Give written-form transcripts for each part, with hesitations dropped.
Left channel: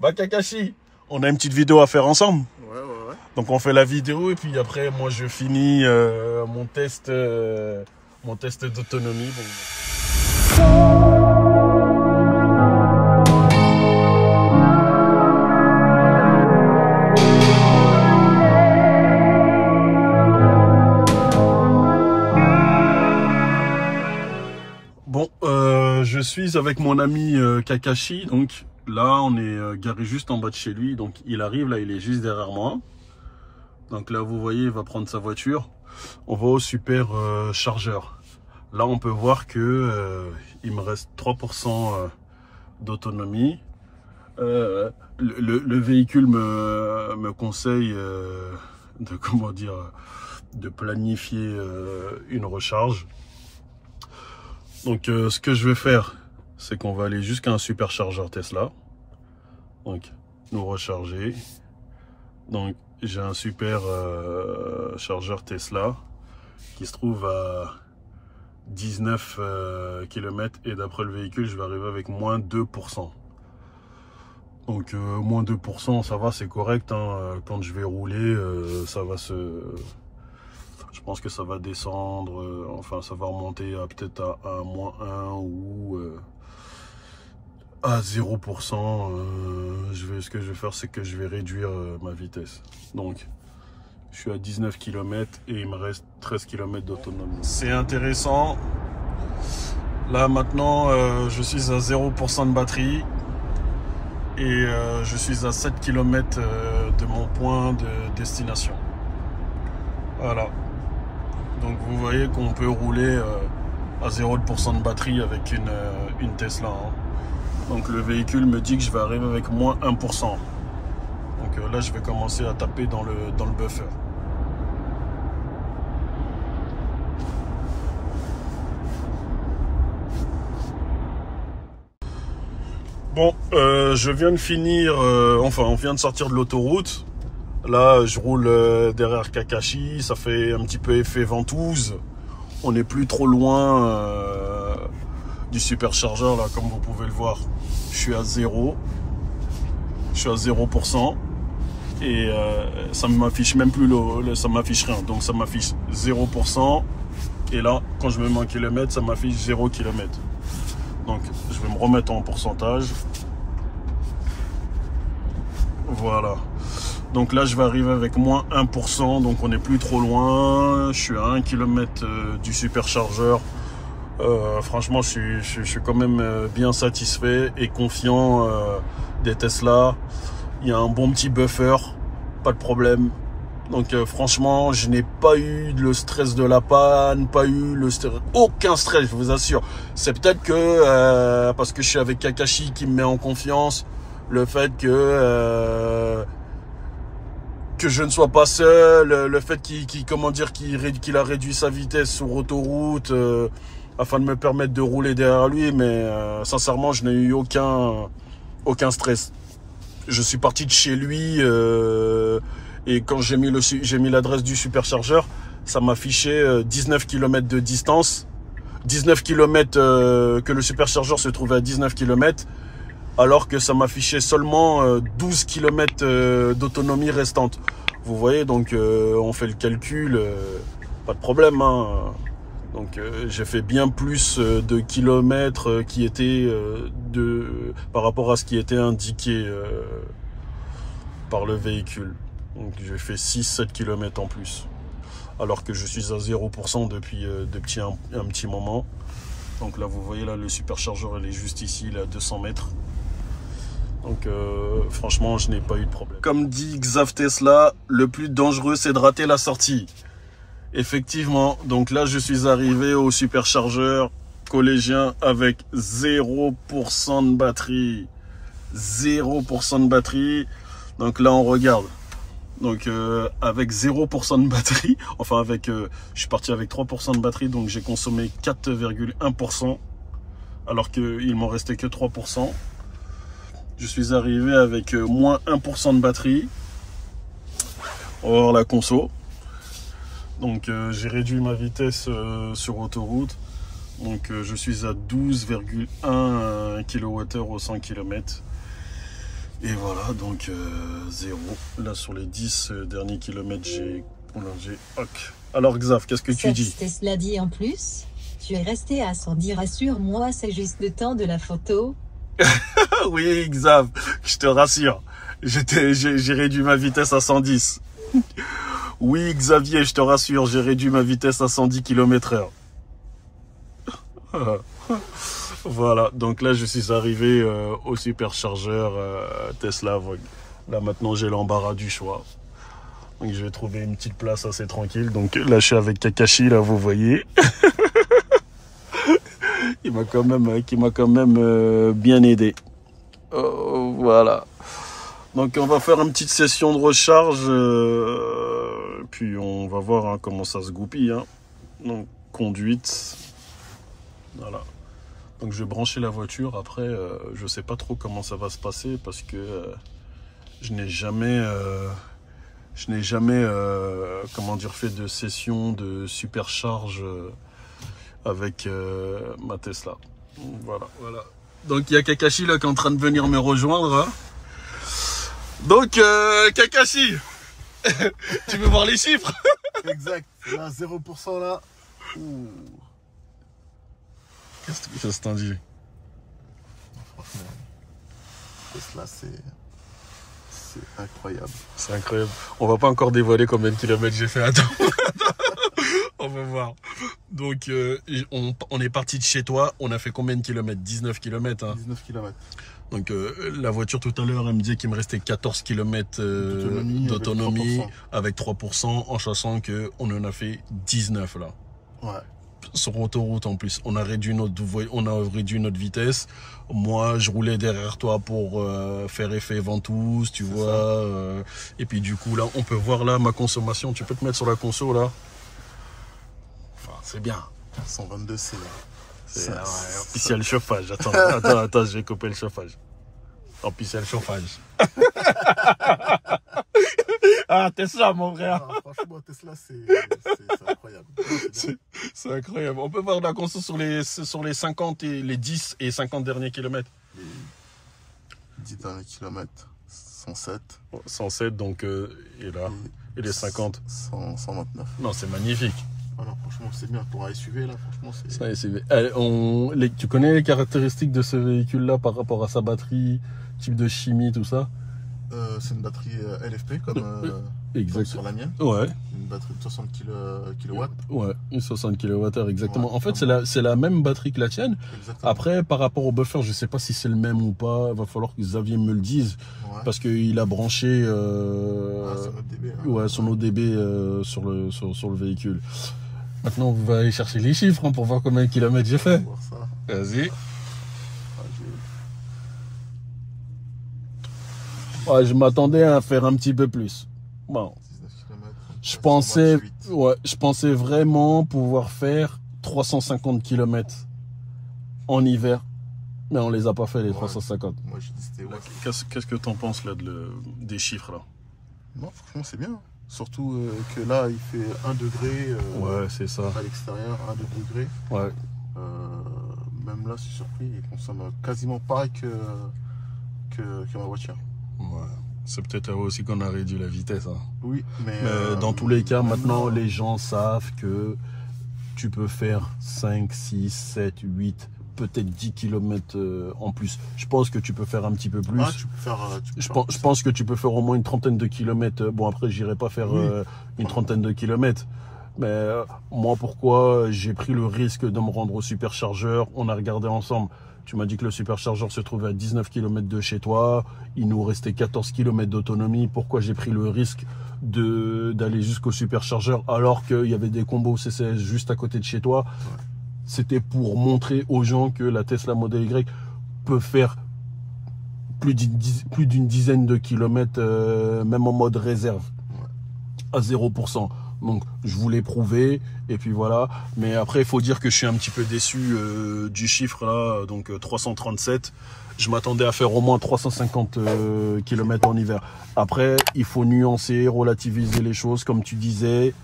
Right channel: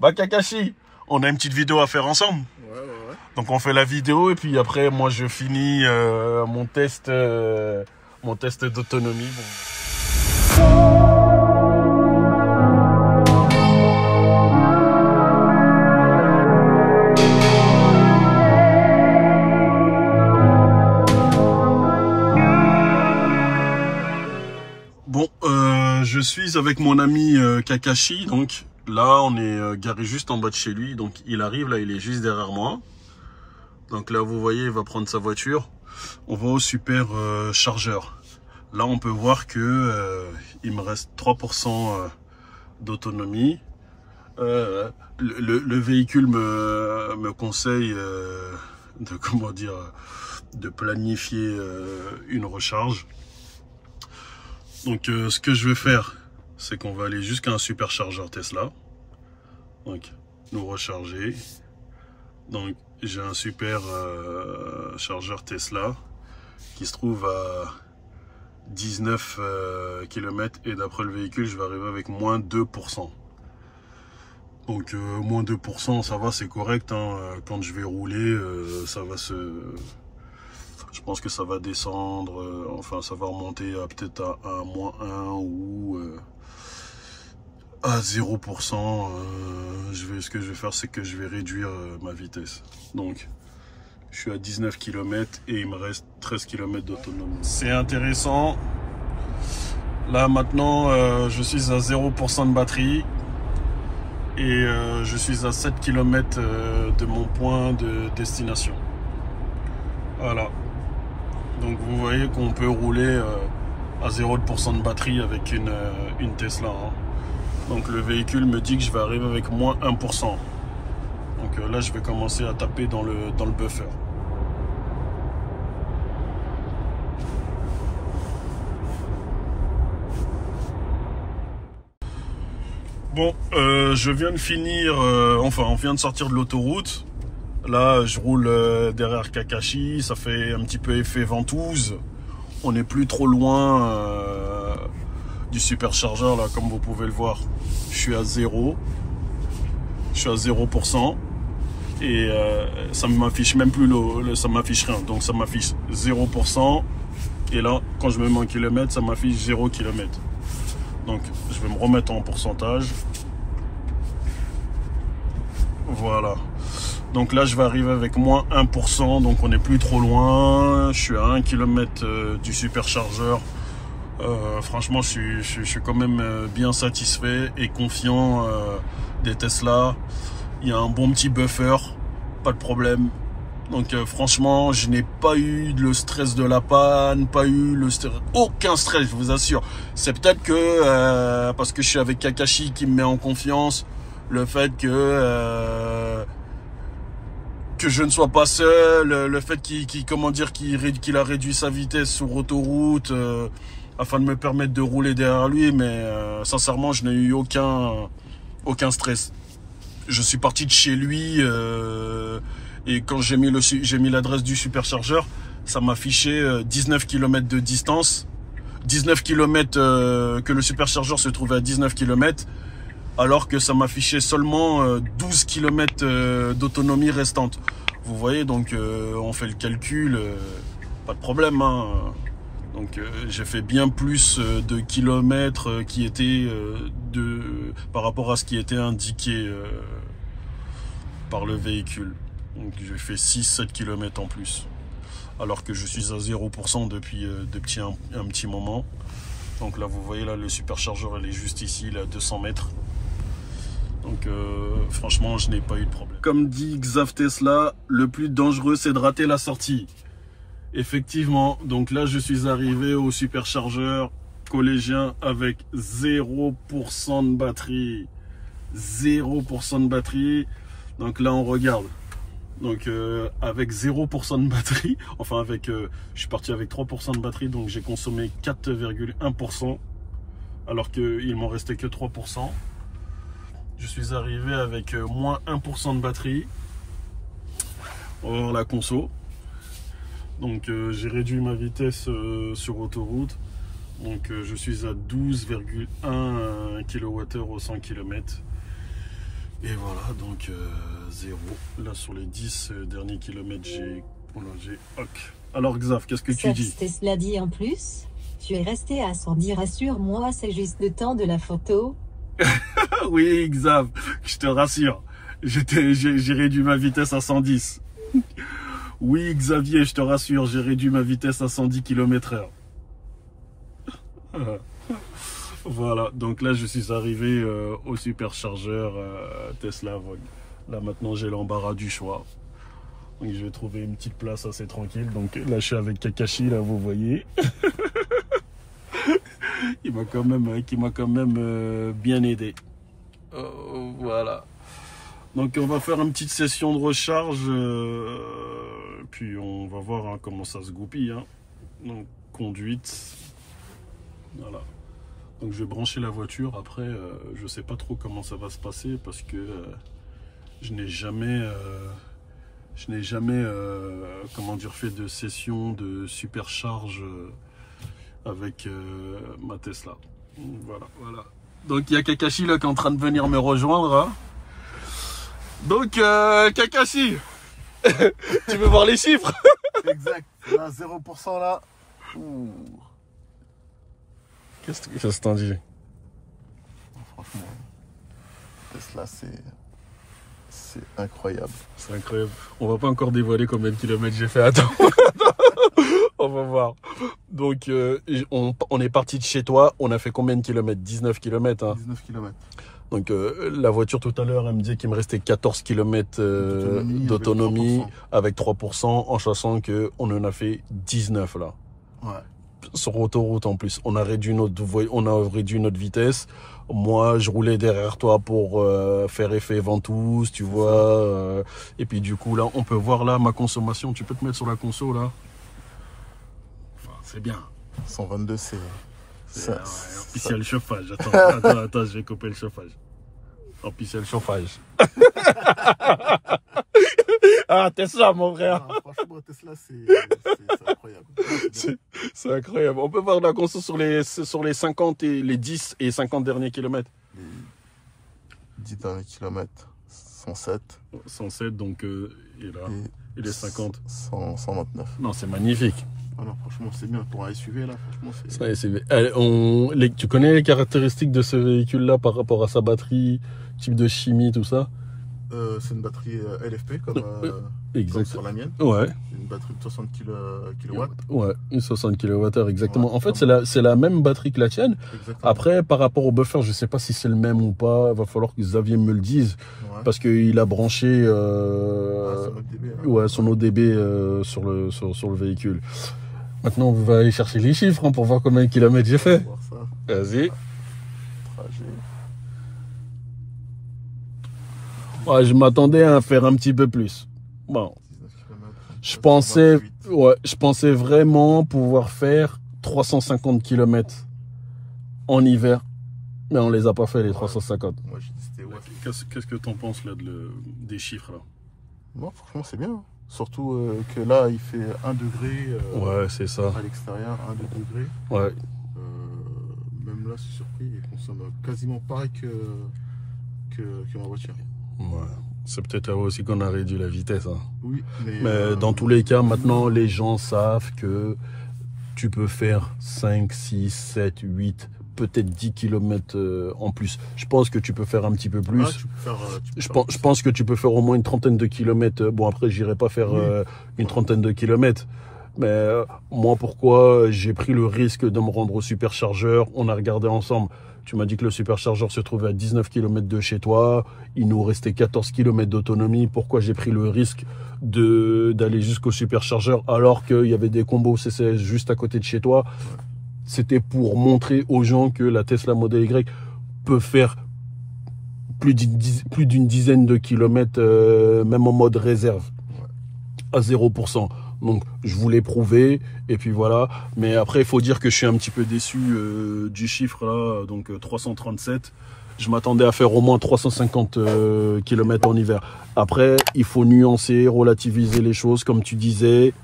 Bah Kakashi, on a une petite vidéo à faire ensemble. Ouais. Donc on fait la vidéo et puis après moi je finis mon test d'autonomie. Bon, je suis avec mon ami Kakashi, donc là on est garé juste en bas de chez lui, donc il arrive, là il est juste derrière moi. Donc là vous voyez, il va prendre sa voiture, on va au super chargeur. Là on peut voir que il me reste 3% d'autonomie. Le véhicule me conseille de planifier une recharge. Donc ce que je vais faire, c'est qu'on va aller jusqu'à un superchargeur Tesla. Donc nous recharger. Donc j'ai un super chargeur Tesla qui se trouve à 19 km et d'après le véhicule, je vais arriver avec moins 2%. Donc moins 2%, ça va, c'est correct. Hein. Quand je vais rouler, ça va se... Je pense que ça va descendre, enfin ça va remonter à peut-être à moins 1 ou à 0%. Ce que je vais faire, c'est que je vais réduire ma vitesse. Donc je suis à 19 km et il me reste 13 km d'autonomie. C'est intéressant. Là maintenant, je suis à 0% de batterie et je suis à 7 km de mon point de destination. Voilà. Donc vous voyez qu'on peut rouler à 0% de batterie avec une Tesla. Hein. Donc le véhicule me dit que je vais arriver avec moins 1%. Donc là je vais commencer à taper dans le buffer. Bon, je viens de finir, on vient de sortir de l'autoroute. Là, je roule derrière Kakashi, ça fait un petit peu effet ventouse. On n'est plus trop loin du superchargeur, là, comme vous pouvez le voir. Je suis à 0%. Et ça ne m'affiche même plus, ça m'affiche rien. Donc ça m'affiche 0%. Et là, quand je me mets en kilomètres, ça m'affiche 0 km. Donc je vais me remettre en pourcentage. Voilà. Donc là, je vais arriver avec moins 1%, donc on n'est plus trop loin. Je suis à 1 km du superchargeur. Franchement, je suis quand même bien satisfait et confiant des Tesla. Il y a un bon petit buffer, pas de problème. Donc franchement, je n'ai pas eu le stress de la panne, aucun stress, je vous assure. C'est peut-être que parce que je suis avec Kakashi qui me met en confiance, le fait que je ne sois pas seul, le fait qu'il a réduit sa vitesse sur autoroute afin de me permettre de rouler derrière lui, mais sincèrement je n'ai eu aucun stress. Je suis parti de chez lui et quand j'ai mis l'adresse du superchargeur, ça m'affichait 19 km de distance, 19 km que le superchargeur se trouvait à 19 km, alors que ça m'affichait seulement 12 km d'autonomie restante. Vous voyez, donc on fait le calcul, pas de problème. Hein. Donc j'ai fait bien plus de kilomètres qui étaient par rapport à ce qui était indiqué par le véhicule. Donc j'ai fait 6-7 km en plus, alors que je suis à 0% depuis un petit moment. Donc là vous voyez, là le superchargeur il est juste ici, il est à 200 mètres. Donc franchement, je n'ai pas eu de problème. Comme dit Xav Tesla, le plus dangereux, c'est de rater la sortie. Effectivement, donc là, je suis arrivé au superchargeur collégien avec 0% de batterie. 0% de batterie. Donc là, on regarde. Donc avec 0% de batterie, enfin je suis parti avec 3% de batterie, donc j'ai consommé 4,1%, alors qu'il m'en restait que 3%. Je suis arrivé avec moins 1% de batterie. On va voir la conso. Donc j'ai réduit ma vitesse sur autoroute. Donc je suis à 12,1 kWh au 100 km. Et voilà, donc 0. Là, sur les 10 derniers kilomètres, j'ai... Ok. Alors, Xav, qu'est-ce que tu dis? Tesla dit en plus, tu es resté à 110, rassure-moi, c'est juste le temps de la photo. Oui, Xav, je te rassure. J'ai réduit ma vitesse à 110. Oui, Xavier, je te rassure, j'ai réduit ma vitesse à 110 km/h. Voilà, donc là, je suis arrivé au superchargeur Tesla Vogue. Là, maintenant, j'ai l'embarras du choix. Donc, je vais trouver une petite place assez tranquille. Donc là, je suis avec Kakashi, là, vous voyez. Il m'a quand même bien aidé. Voilà. Donc on va faire une petite session de recharge, puis on va voir hein, comment ça se goupille. Hein. Donc conduite, voilà. Donc je vais brancher la voiture. Après, je sais pas trop comment ça va se passer parce que je n'ai jamais, comment dire, fait de session de supercharge avec ma Tesla. Voilà, voilà. Donc il y a Kakashi là qui est en train de venir me rejoindre. Hein. Donc Kakashi, tu veux voir les chiffres? Exact, là 0% là. Qu'est-ce que t'en dis? Franchement, Tesla c'est incroyable. C'est incroyable. On va pas encore dévoiler combien de kilomètres j'ai fait. Attends. On va voir. Donc, on est parti de chez toi. On a fait combien de kilomètres? 19 kilomètres. Hein. 19 km. Donc, la voiture tout à l'heure, elle me disait qu'il me restait 14 km d'autonomie avec 3%, en sachant qu'on en a fait 19 là. Ouais. Sur autoroute en plus. On a réduit notre vitesse. Moi, je roulais derrière toi pour faire effet ventouse, tu vois. Et puis du coup, là, on peut voir là ma consommation. Tu peux te mettre sur la conso là. C'est bien. 122 C. Ouais, en plus, il y a le chauffage. Attends, je vais couper le chauffage. En plus, il y a le chauffage. Ah, Tesla, mon frère. Ah, franchement, Tesla, c'est incroyable. C'est incroyable. On peut voir la conso sur les 50 et les 10 et 50 derniers kilomètres. 10 derniers kilomètres, 107. 107, donc, et là, et les 50. 129. Non, c'est magnifique. Alors franchement c'est bien pour un SUV là, franchement c'est... Allez, tu connais les caractéristiques de ce véhicule là par rapport à sa batterie, type de chimie, tout ça? C'est une batterie LFP comme sur la mienne. Ouais. Une batterie de 60 kW. Ouais, une 60 kWh exactement. Ouais, en fait c'est la même batterie que la tienne. Exactement. Après par rapport au buffer, je sais pas si c'est le même ou pas, va falloir que Xavier me le dise. Ouais. Parce qu'il a branché son ODB, hein. Ouais, son ODB sur le véhicule. Maintenant, on va aller chercher les chiffres hein, pour voir combien de kilomètres j'ai fait. Vas-y. Ouais, je m'attendais à faire un petit peu plus. Bon. 19 km, je pensais vraiment pouvoir faire 350 km en hiver. Mais on les a pas fait, les 350. Moi, j'ai dit c'était Qu'est-ce que tu en penses là, des chiffres là? Non, franchement, c'est bien. Surtout que là, il fait 1 degré ouais, c'est ça. À l'extérieur, 1-2 degrés. Ouais. Même là, c'est surpris, il consomme quasiment pareil que ma voiture. Ouais. C'est peut-être là aussi qu'on a réduit la vitesse. Hein. Oui, mais dans tous les cas, maintenant, les gens savent que tu peux faire 5, 6, 7, 8, peut-être 10 km en plus. Je pense que tu peux faire un petit peu plus. Ah, tu peux faire, je pense que tu peux faire au moins une trentaine de kilomètres. Bon, après, j'irai pas faire une trentaine de kilomètres. Mais moi, pourquoi j'ai pris le risque de me rendre au superchargeur? On a regardé ensemble. Tu m'as dit que le superchargeur se trouvait à 19 km de chez toi. Il nous restait 14 km d'autonomie. Pourquoi j'ai pris le risque d'aller jusqu'au superchargeur alors qu'il y avait des combos CCS juste à côté de chez toi? C'était pour montrer aux gens que la Tesla Model Y peut faire plus d'une dizaine de kilomètres, même en mode réserve, à 0%. Donc, je voulais prouver, et puis voilà. Mais après, il faut dire que je suis un petit peu déçu du chiffre là, donc 337. Je m'attendais à faire au moins 350 km en hiver. Après, il faut nuancer, relativiser les choses, comme tu disais.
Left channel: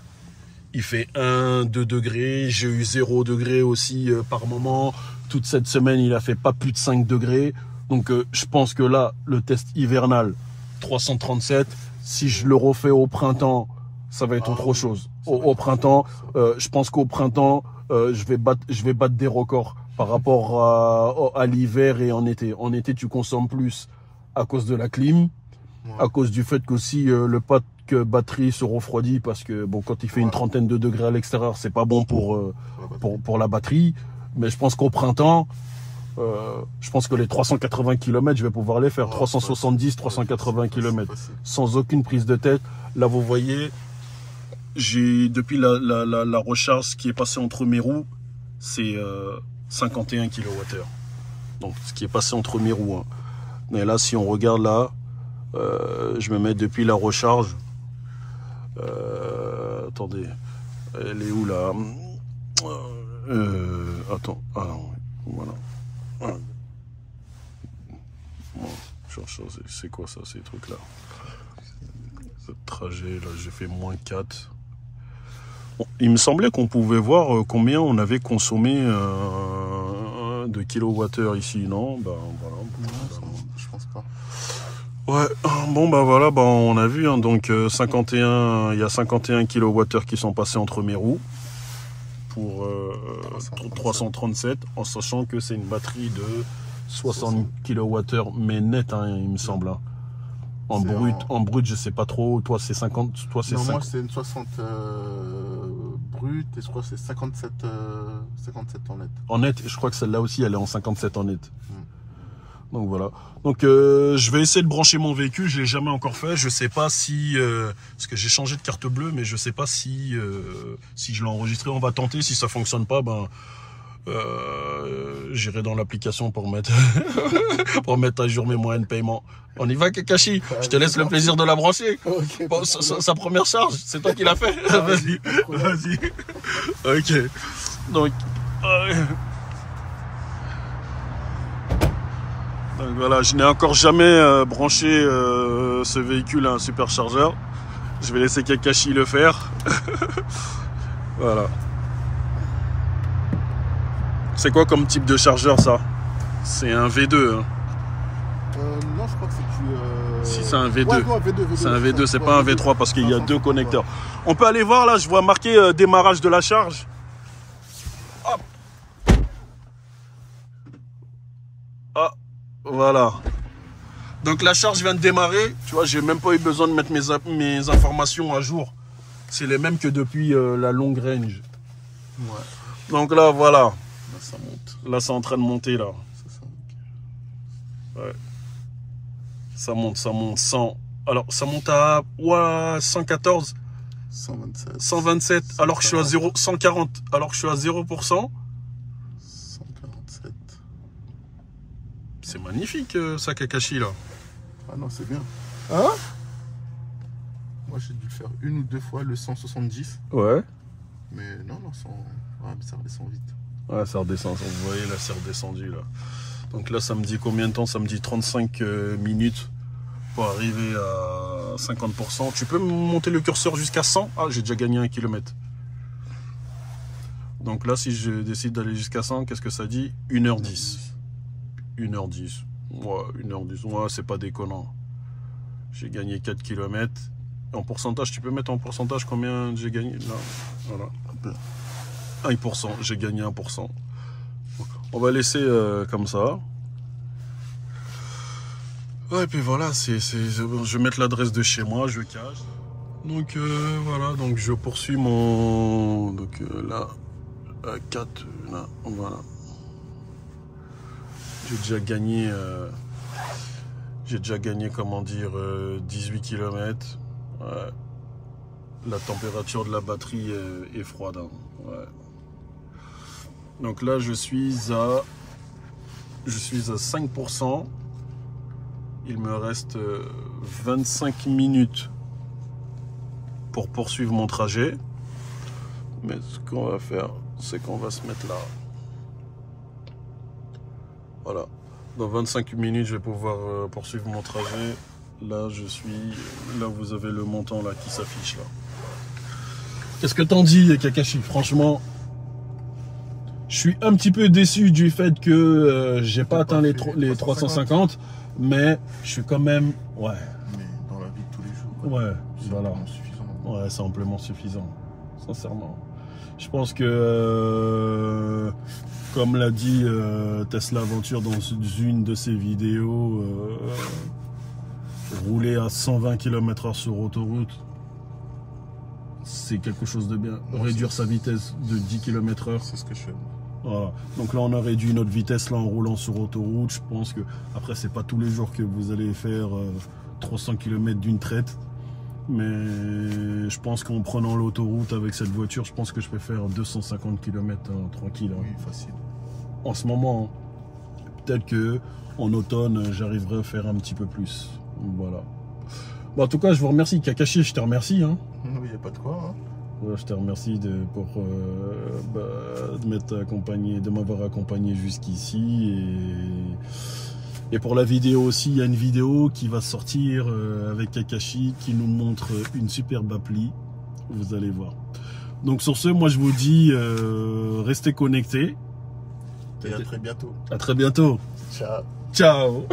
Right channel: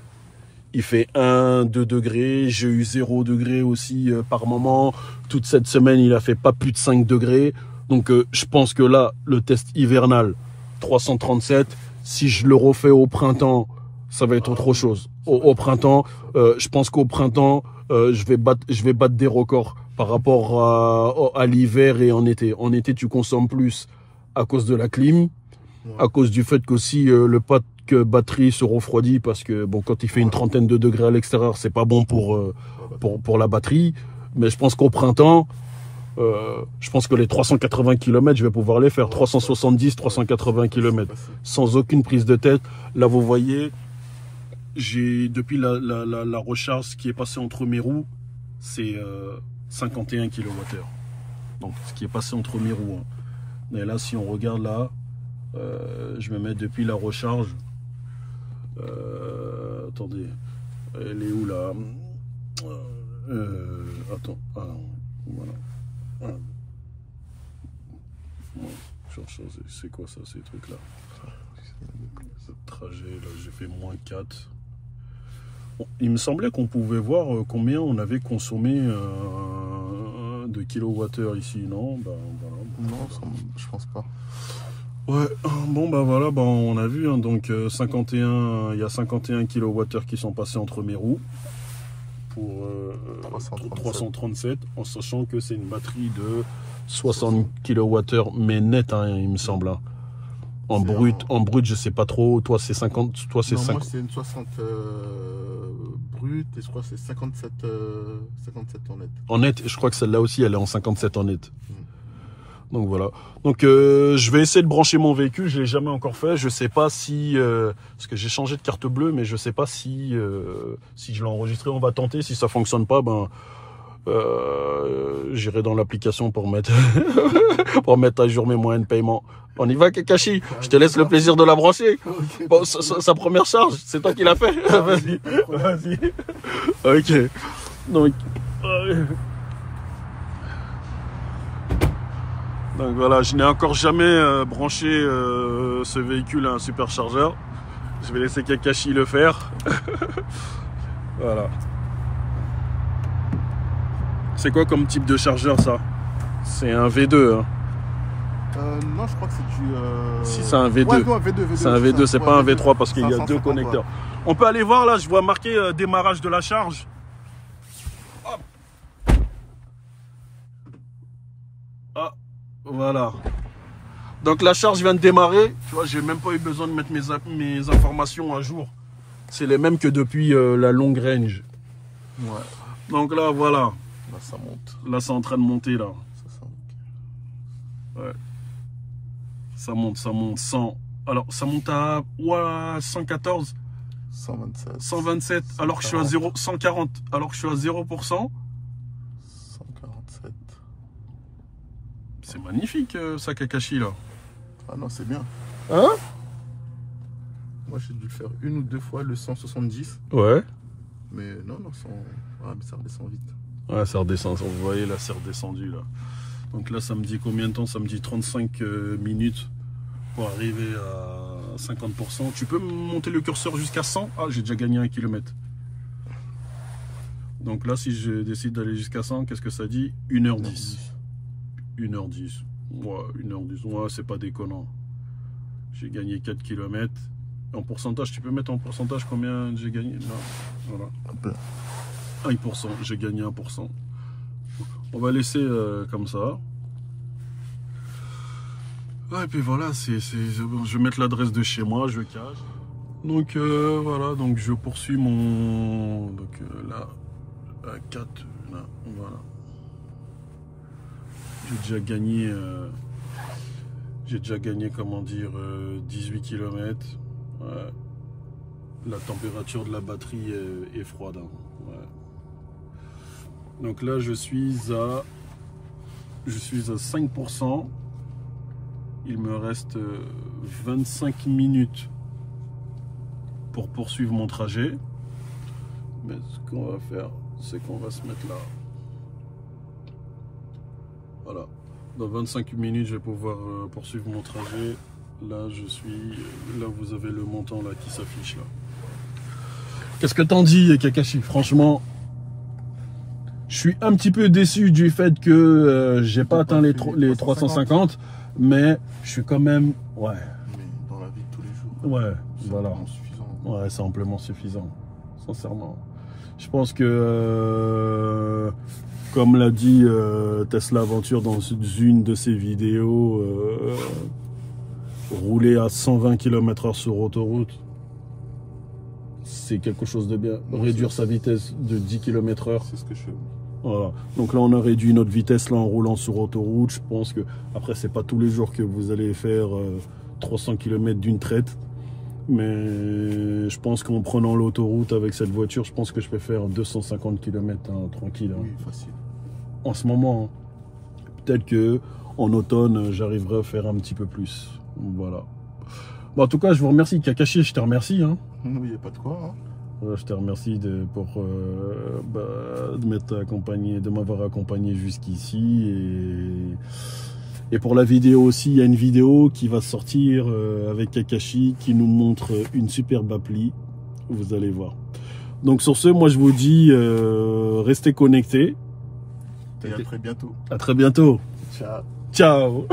Il fait 1-2 degrés, j'ai eu 0 degré aussi par moment. Toute cette semaine, il a fait pas plus de 5 degrés. Donc je pense que là, le test hivernal, 337, si je le refais au printemps, ça va être autre chose. Au printemps, je pense qu'au printemps, je vais battre des records par rapport à l'hiver et en été. En été, tu consommes plus à cause de la clim, à cause du fait qu'aussi le pack batterie se refroidit parce que bon, quand il fait une trentaine de degrés à l'extérieur, c'est pas bon pour la batterie. Mais je pense qu'au printemps, je pense que les 380 km, je vais pouvoir les faire. 370, 380 km sans aucune prise de tête. Là, vous voyez, j'ai depuis la recharge qui est passée entre mes roues, c'est 51 kWh. Donc, ce qui est passé entre mes roues. Hein. Mais là, si on regarde là, je me mets depuis la recharge. Attendez, elle est où là? Attends, voilà. C'est quoi ça, ces trucs là? Ce trajet là, j'ai fait moins 4. Bon, il me semblait qu'on pouvait voir combien on avait consommé de kilowattheures ici, non? Ben voilà. Je pense pas. Ouais, bon bah voilà, bah on a vu, hein, donc 51, il y a 51 kWh qui sont passés entre mes roues pour 337, en sachant que c'est une batterie de 60 kWh, mais net, hein, il me semble. Hein. En brut, je sais pas trop, toi c'est 50, toi c'est 50. Moi c'est une 60 brut et je crois que c'est 57 en net. En net, je crois que celle-là aussi, elle est en 57 en net. Donc voilà. Donc je vais essayer de brancher mon véhicule, je l'ai jamais encore fait, je sais pas si parce que j'ai changé de carte bleue, mais je sais pas si je l'ai enregistré. On va tenter, si ça fonctionne pas, ben j'irai dans l'application pour mettre pour mettre à jour mes moyens de paiement. On y va, Kakashi, je te laisse le plaisir de la brancher. Okay, bon, sa première charge, c'est toi qui l'as fait. Vas-y. Ok. Donc voilà, je n'ai encore jamais branché ce véhicule à un superchargeur. Je vais laisser Kakashi le faire. Voilà. C'est quoi comme type de chargeur ça? C'est un V2 hein. Non, je crois que c'est du... Si c'est un V2. C'est un V2, c'est pas un V3 parce qu'il y a deux connecteurs. On peut aller voir là, je vois marqué démarrage de la charge. Hop. Ah. Voilà. Donc la charge vient de démarrer. Tu vois, j'ai même pas eu besoin de mettre mes informations à jour. C'est les mêmes que depuis la longue range. Ouais. Donc là, voilà. Là, ça monte. Là, c'est en train de monter là. Ouais. Ça monte. 100. Alors, ça monte à 114. 127. Alors que je suis à 140. Alors que je suis à 0%. C'est magnifique ça, Kakashi là. Ah non, c'est bien. Hein? Moi j'ai dû le faire une ou deux fois le 170. Ouais. Mais non, mais ça redescend vite. Ouais, ça redescend. Vous voyez là, c'est redescendu là. Donc là, ça me dit combien de temps? Ça me dit 35 minutes pour arriver à 50%. Tu peux monter le curseur jusqu'à 100? Ah, j'ai déjà gagné 1 km. Donc là, si je décide d'aller jusqu'à 100, qu'est-ce que ça dit? 1h10. 1h10. Ouais, 1h10. Ouais, c'est pas déconnant. J'ai gagné 4 km. En pourcentage, tu peux mettre en pourcentage combien j'ai gagné? Non. Voilà. 1%. J'ai gagné 1%. On va laisser comme ça. Ouais, et puis voilà, je vais mettre l'adresse de chez moi, je cache. Donc voilà, donc je poursuis mon... Donc là, 4, là, voilà. J'ai déjà gagné, comment dire, 18 km. Ouais. La température de la batterie est froide. Hein. Ouais. Donc là, je suis à 5%. Il me reste 25 minutes pour poursuivre mon trajet. Mais ce qu'on va faire, c'est qu'on va se mettre là. Voilà, dans 25 minutes, je vais pouvoir poursuivre mon trajet. Là, vous avez le montant là qui s'affiche là. Qu'est-ce que t'en dis, Kakashi? Franchement, Je suis un petit peu déçu du fait que j'ai pas atteint les 350, mais je suis quand même... Ouais. Mais dans la vie de tous les jours, ouais, c'est voilà. amplement suffisant. Ouais, c'est amplement suffisant, sincèrement. Je pense que, comme l'a dit Tesla Aventure dans une de ses vidéos, rouler à 120 km/h sur autoroute, c'est quelque chose de bien. Réduire sa vitesse de 10 km/h. C'est ce que je fais. Voilà. Donc là, on a réduit notre vitesse là en roulant sur autoroute. Je pense que, après, c'est pas tous les jours que vous allez faire 300 km d'une traite. Mais je pense qu'en prenant l'autoroute avec cette voiture, je pense que je peux faire 250 km tranquille. Oui, facile. En ce moment, hein. Peut-être que en automne, j'arriverai à faire un petit peu plus. Voilà. Bon, en tout cas, je vous remercie. Kakashi, je te remercie. Hein. Oui, il n'y a pas de quoi. Hein. Ouais, je te remercie de m'avoir accompagné jusqu'ici. Et pour la vidéo aussi, il y a une vidéo qui va sortir avec Kakashi qui nous montre une superbe appli. Vous allez voir. Donc sur ce, moi je vous dis, restez connectés. Et à très bientôt. À très bientôt. Ciao. Ciao.